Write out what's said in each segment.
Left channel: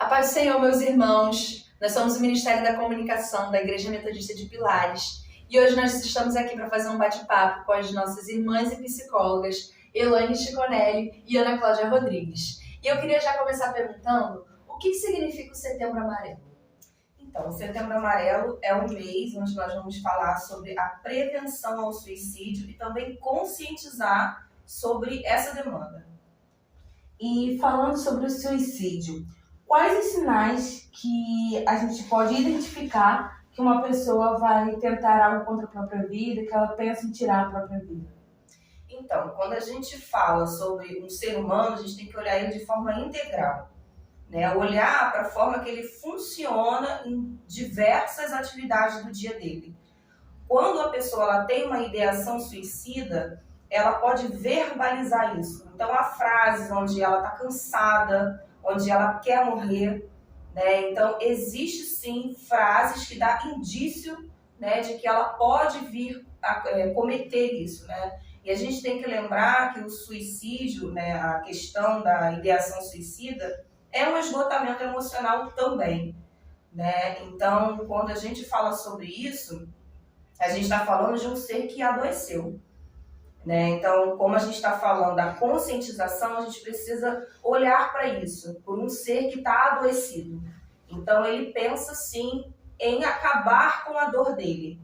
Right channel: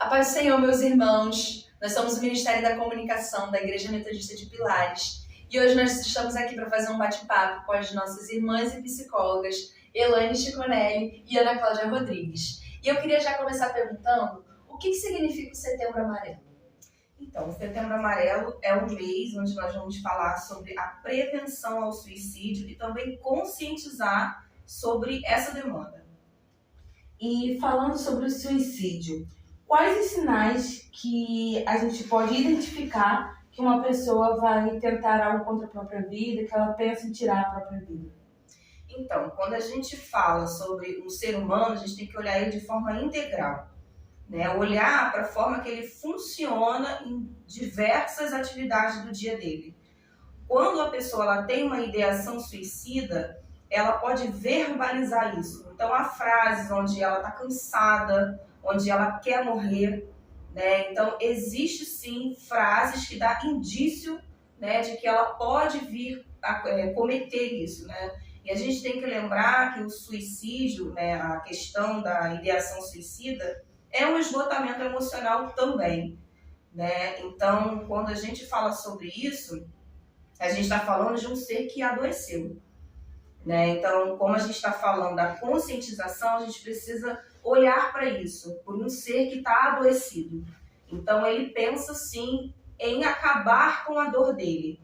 A paz do Senhor, meus irmãos. Nós somos o Ministério da Comunicação da Igreja Metodista de Pilares e hoje nós estamos aqui para fazer um bate-papo com as nossas irmãs e psicólogas Elaine Chiconelli e Ana Cláudia Rodrigues. E eu queria já começar perguntando o que significa o Setembro Amarelo? Então, o Setembro Amarelo é um mês onde nós vamos falar sobre a prevenção ao suicídio e também conscientizar sobre essa demanda. E falando sobre o suicídio, quais os sinais que a gente pode identificar que uma pessoa vai tentar algo contra a própria vida, que ela pensa em tirar a própria vida? Então, quando a gente fala sobre um ser humano, a gente tem que olhar ele de forma integral, né? Olhar para a forma que ele funciona em diversas atividades do dia dele. Quando a pessoa ela tem uma ideação suicida, ela pode verbalizar isso. Então, há frases onde ela está cansada, onde ela quer morrer, né? Então, existe sim frases que dão indício, né, de que ela pode vir a cometer isso, né? E a gente tem que lembrar que o suicídio, né, a questão da ideação suicida, é um esgotamento emocional também, né? Então, quando a gente fala sobre isso, a gente está falando de um ser que adoeceu, né? Então, como a gente está falando da conscientização, a gente precisa olhar para isso, por um ser que está adoecido. Então, ele pensa sim em acabar com a dor dele.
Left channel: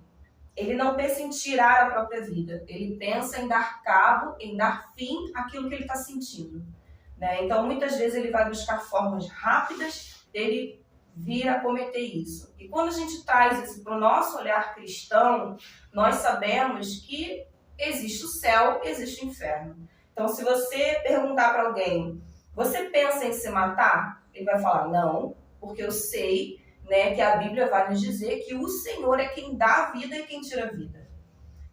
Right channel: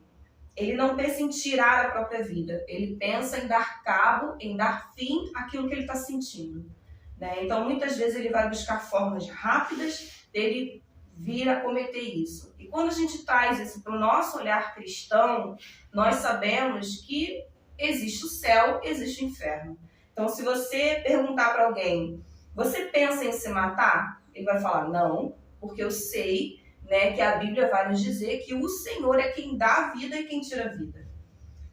Ele não pensa em tirar a própria vida, ele pensa em dar cabo, em dar fim àquilo que ele está sentindo, né? Então, muitas vezes ele vai buscar formas rápidas dele vir a cometer isso. E quando a gente traz isso para o nosso olhar cristão, nós sabemos que existe o céu, existe o inferno. Então, se você perguntar para alguém, você pensa em se matar? Ele vai falar, não, porque eu sei, né, que a Bíblia vai nos dizer que o Senhor é quem dá a vida e quem tira a vida.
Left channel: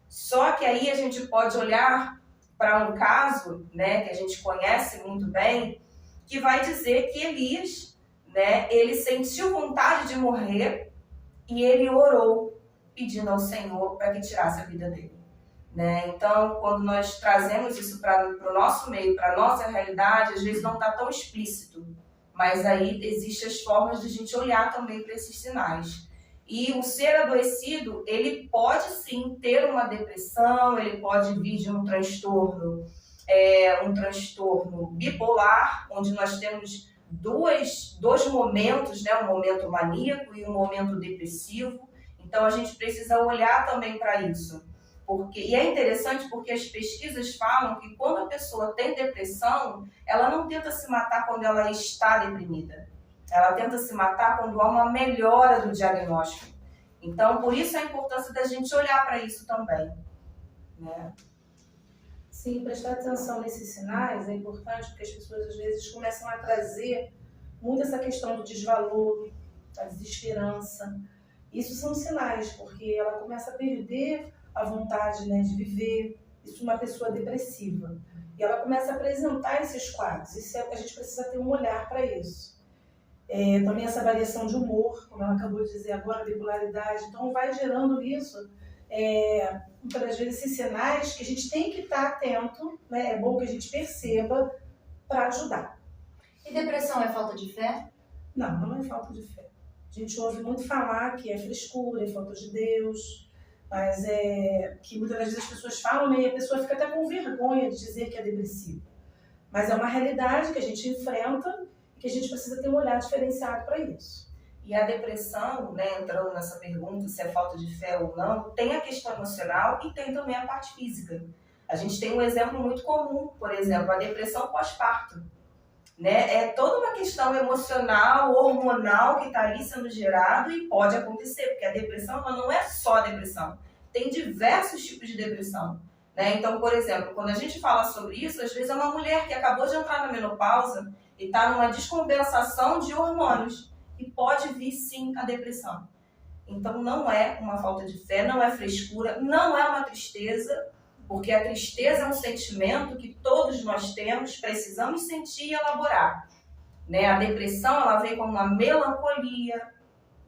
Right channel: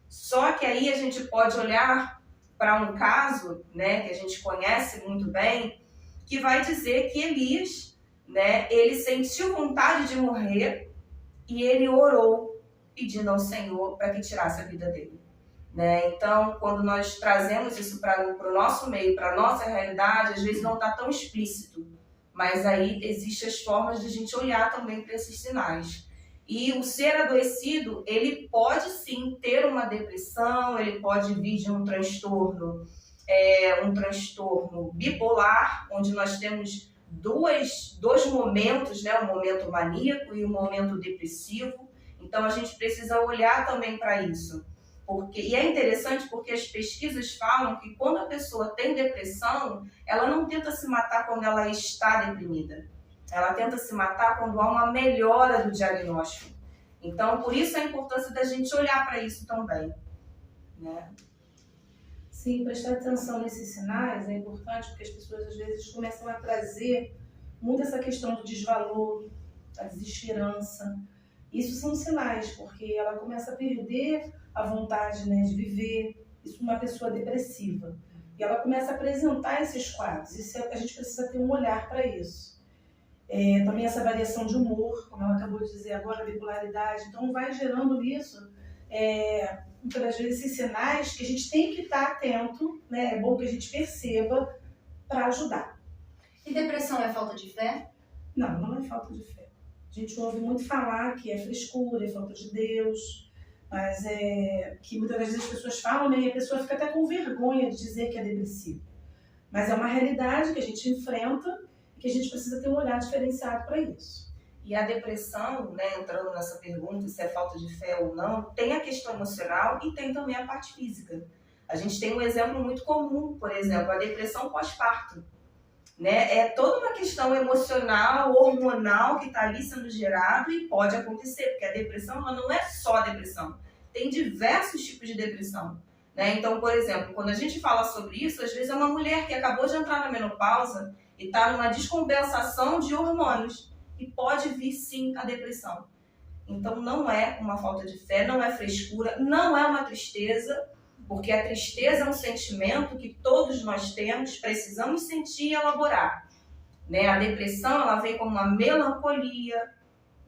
Só que aí a gente pode olhar para um caso, né, que a gente conhece muito bem, que vai dizer que Elias, né, ele sentiu vontade de morrer e ele orou pedindo ao Senhor para que tirasse a vida dele, né? Então, quando nós trazemos isso para o nosso meio, para a nossa realidade, às vezes não está tão explícito, mas aí existem as formas de a gente olhar também para esses sinais. E o ser adoecido, ele pode sim ter uma depressão, ele pode vir de um transtorno bipolar, onde nós temos dois momentos, né? Um momento maníaco e um momento depressivo. Então a gente precisa olhar também para isso. E é interessante porque as pesquisas falam que quando a pessoa tem depressão, ela não tenta se matar quando ela está deprimida. Ela tenta se matar quando há uma melhora do diagnóstico. Então, por isso a importância da gente olhar para isso também, né? Sim, prestar atenção nesses sinais é importante porque as pessoas às vezes começam a trazer muito essa questão do desvalor, da desesperança. Isso são sinais, porque ela começa a perder a vontade, né, de viver. Isso é uma pessoa depressiva. E ela começa a apresentar esses quadros. A gente precisa ter um olhar para isso. Também essa variação de humor, como ela acabou de dizer agora, a bipolaridade. Então vai gerando isso, muitas vezes esses sinais que a gente tem que estar atento, né? É bom que a gente perceba para ajudar. E depressão é falta de fé? Não, não é falta de fé. A gente ouve muito falar que é frescura, é falta de Deus, mas que muitas vezes as pessoas falam, né, e a pessoa fica até com vergonha de dizer que é depressivo. Mas é uma realidade que a gente enfrenta e que a gente precisa ter um olhar diferenciado para isso. E a depressão, né, entrando nessa pergunta se é falta de fé ou não, tem a questão emocional e tem também a parte física. A gente tem um exemplo muito comum, por exemplo, a depressão pós-parto, né? É toda uma questão emocional, hormonal que está ali sendo gerado e pode acontecer, porque a depressão ela não é só a depressão, tem diversos tipos de depressão, né? Então, por exemplo, quando a gente fala sobre isso, às vezes é uma mulher que acabou de entrar na menopausa e está numa descompensação de hormônios e pode vir sim a depressão. Então não é uma falta de fé, não é frescura, não é uma tristeza, porque a tristeza é um sentimento que todos nós temos, precisamos sentir e elaborar, né? A depressão ela vem como uma melancolia,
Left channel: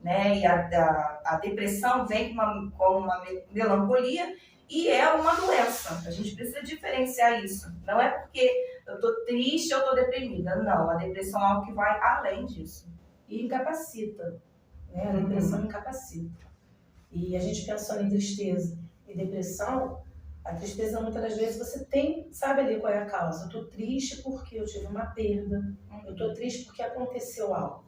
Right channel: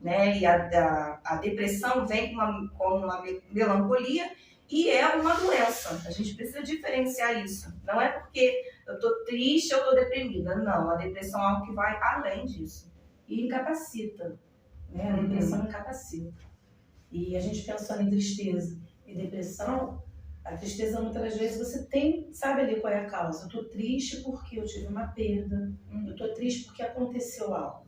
né? E a depressão vem como uma melancolia e é uma doença. A gente precisa diferenciar isso. Não é porque eu estou triste, eu estou deprimida. Não, a depressão é algo que vai além disso. e incapacita, né? A depressão incapacita. E a gente pensando em tristeza e depressão, a tristeza muitas das vezes você sabe ali qual é a causa. Eu tô triste porque eu tive uma perda, eu tô triste porque aconteceu algo.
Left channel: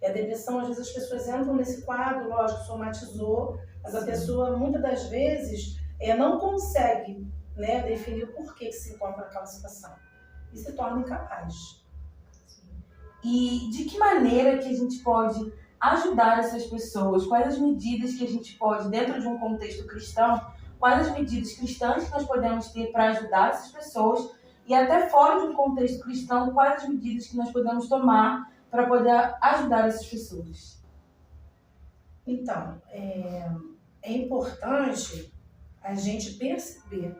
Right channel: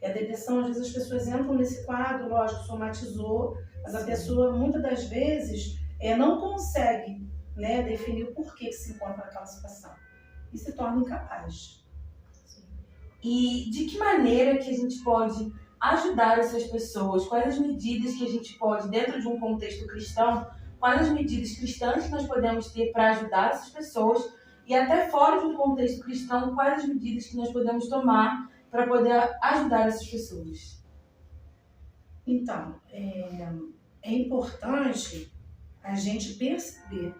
E a depressão, às vezes as pessoas entram nesse quadro, lógico, somatizou, mas a pessoa muitas das vezes não consegue, né, definir o porquê que se encontra naquela situação e se torna incapaz. E de que maneira que a gente pode ajudar essas pessoas? Quais as medidas que a gente pode, dentro de um contexto cristão, quais as medidas cristãs que nós podemos ter para ajudar essas pessoas? E até fora de um contexto cristão, quais as medidas que nós podemos tomar para poder ajudar essas pessoas? Então, é importante a gente perceber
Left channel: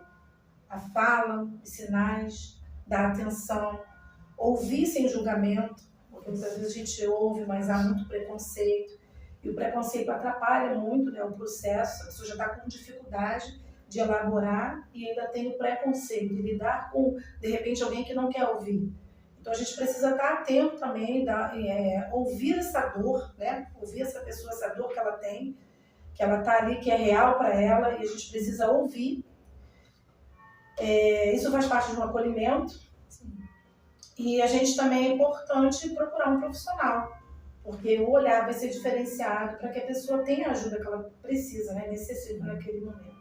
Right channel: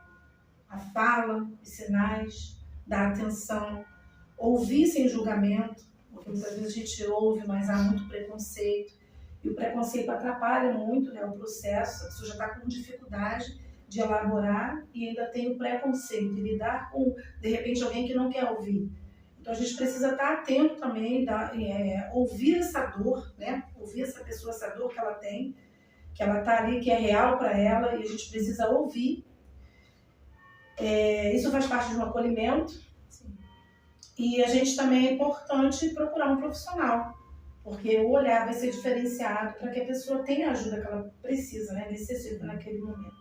a fala, os sinais, dar atenção, ouvir sem julgamento, porque muitas vezes a gente ouve, mas há muito preconceito, e o preconceito atrapalha muito, né, o processo. A pessoa já está com dificuldade de elaborar e ainda tem o preconceito, de lidar com, de repente, alguém que não quer ouvir. Então a gente precisa estar atento também, ouvir essa dor, né, ouvir essa pessoa, essa dor que ela tem, que ela está ali, que é real para ela, e a gente precisa ouvir. Isso faz parte de um acolhimento. Sim. E a gente também é importante procurar um profissional, porque o olhar vai ser diferenciado para que a pessoa tenha a ajuda que ela precisa, né, necessita naquele momento.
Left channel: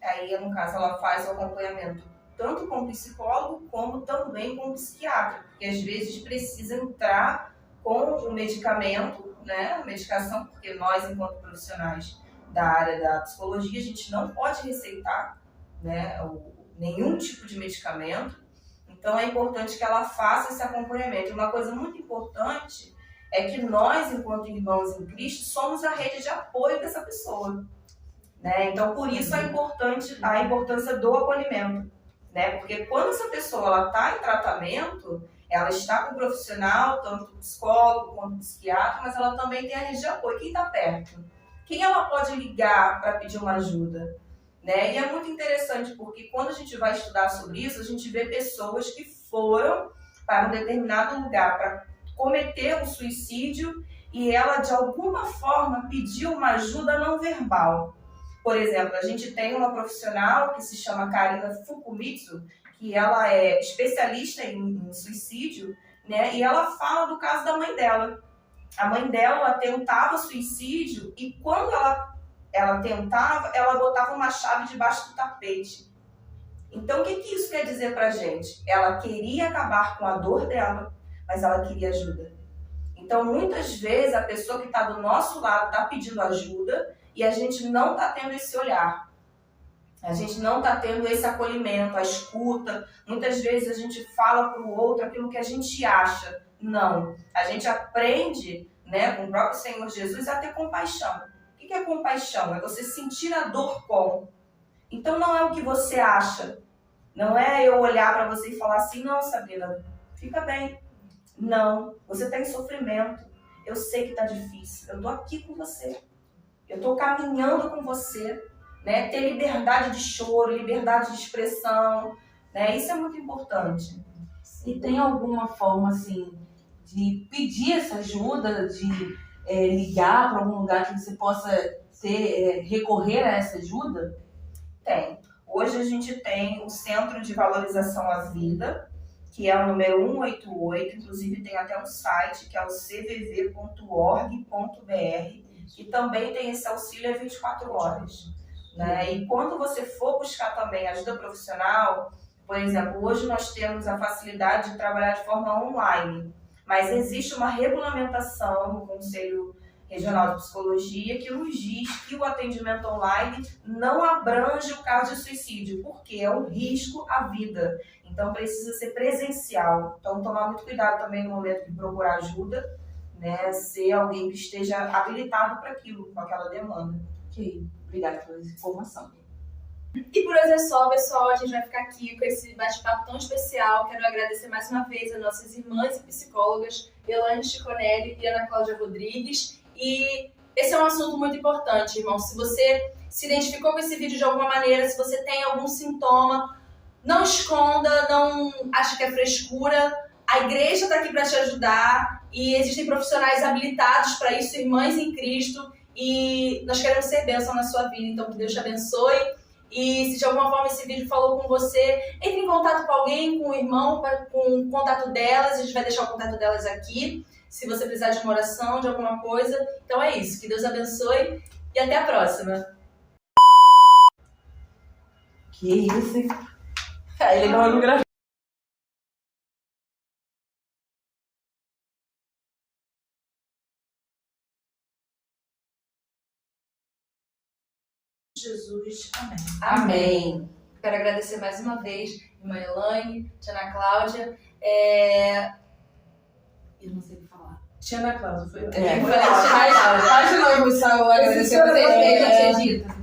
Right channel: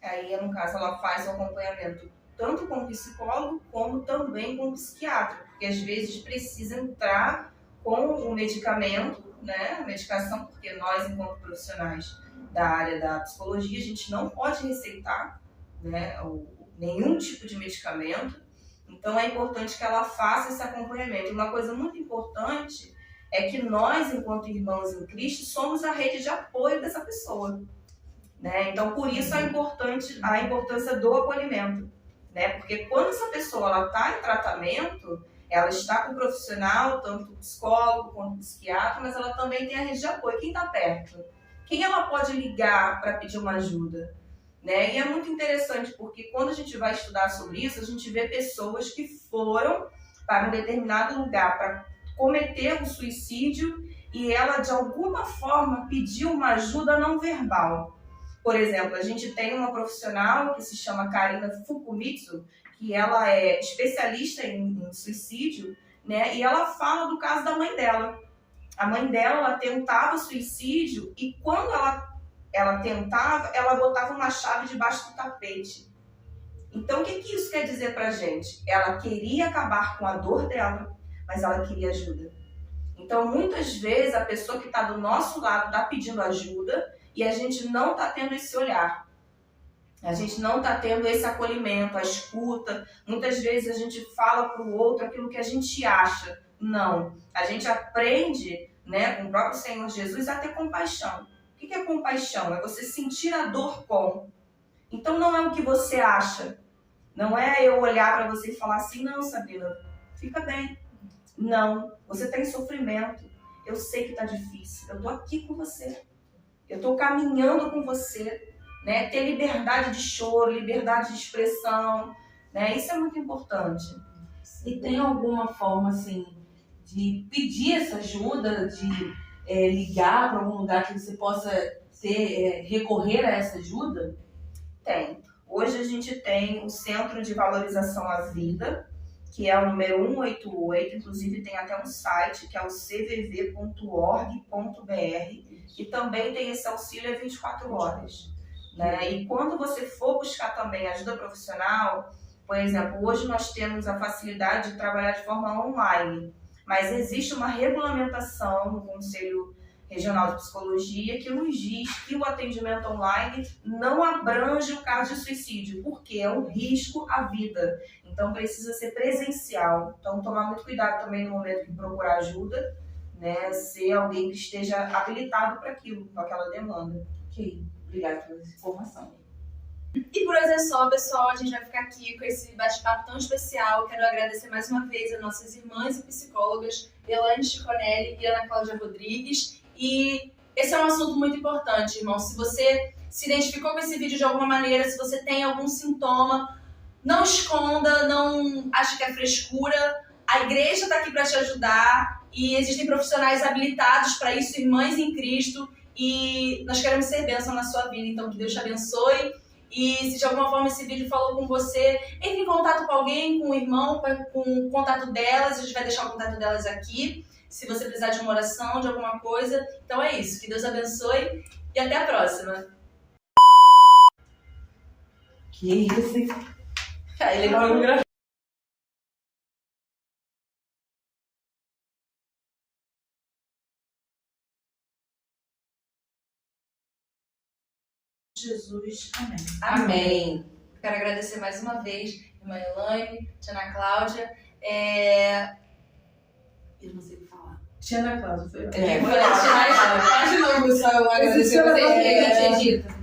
Aí, no caso, ela faz o acompanhamento tanto com o psicólogo como também com o psiquiatra, porque às vezes precisa entrar com o medicamento, né, a medicação, porque nós, enquanto profissionais da área da psicologia, a gente não pode receitar, né, nenhum tipo de medicamento. Então é importante que ela faça esse acompanhamento. Uma coisa muito importante é que nós, enquanto irmãos em Cristo, somos a rede de apoio dessa pessoa, né? Então por isso a importância do acolhimento, né? Porque quando essa pessoa está em tratamento, ela está com um profissional, tanto psicólogo quanto psiquiatra, mas ela também tem a rede de apoio. Quem está perto? Quem ela pode ligar para pedir uma ajuda? Né? E é muito interessante porque quando a gente vai estudar sobre isso, a gente vê pessoas que foram para um determinado lugar para cometer um suicídio e ela de alguma forma pediu uma ajuda não verbal. Por exemplo, a gente tem uma profissional que se chama Karina Fukumitsu, que ela é especialista em suicídio, né? E ela fala do caso da mãe dela. A mãe dela, ela tentava suicídio e quando ela tentava, ela botava uma chave debaixo do tapete. Então, o que isso quer dizer pra gente? Ela queria acabar com a dor dela, mas ela queria ajuda. Então, muitas vezes, a pessoa que está do nosso lado está pedindo ajuda e a gente não está tendo esse olhar. A gente não está tendo esse acolhimento, a escuta. Muitas vezes a gente fala para o outro aquilo que a gente acha. Não. A gente aprende, né, com o próprio Senhor Jesus a ter compaixão. O que é compaixão? É você sentir a dor com. Então não é o que você acha. Não é eu olhar para você e falar assim, não, Sabrina, fica bem. Não, você está em sofrimento. Eu sei que está difícil. Eu estou aqui com você. Eu estou caminhando com você. Né? Ter liberdade de choro, liberdade de expressão. Né? Isso é muito importante. E tem alguma forma, assim, de pedir essa ajuda, de ligar para algum lugar que você possa recorrer a essa ajuda? Tem. Hoje a gente tem o Centro de Valorização à Vida, que é o número 188, inclusive tem até um site, que é o cvv.org.br, e também tem esse auxílio 24 horas. Né? E quando você for buscar também ajuda profissional, por exemplo, hoje nós temos a facilidade de trabalhar de forma online, mas existe uma regulamentação no Conselho Regional de Psicologia que nos diz que o atendimento online não abrange o caso de suicídio, porque é um risco à vida. Então precisa ser presencial. Então tomar muito cuidado também no momento de procurar ajuda, né? Ser alguém que esteja habilitado para aquilo, com aquela demanda. Ok, obrigada pela informação. E por hoje é só, pessoal. A gente vai ficar aqui com esse bate-papo tão especial. Quero agradecer mais uma vez a nossas irmãs e psicólogas, Elaine Chiconelli e Ana Cláudia Rodrigues. E esse é um assunto muito importante, irmão. Se você se identificou com esse vídeo de alguma maneira, se você tem algum sintoma, não esconda, não ache que é frescura. A igreja está aqui para te ajudar. e existem profissionais habilitados para isso, irmãs em Cristo, e nós queremos ser bênção na sua vida, então que Deus te abençoe. E se de alguma forma esse vídeo falou com você, entre em contato com alguém, com o irmão, com o contato delas, a gente vai deixar o contato delas aqui, se você precisar de uma oração, de alguma coisa. Então é isso, que Deus abençoe e até a próxima. Que isso, hein? É legal, não gravei. Jesus, amém. Amém. Quero agradecer mais uma vez, irmã Elaine, tia Ana Cláudia. Eu não sei o que falar. Tia Ana Cláudia, foi. Faz de novo só o agradecer vocês que a gente edita.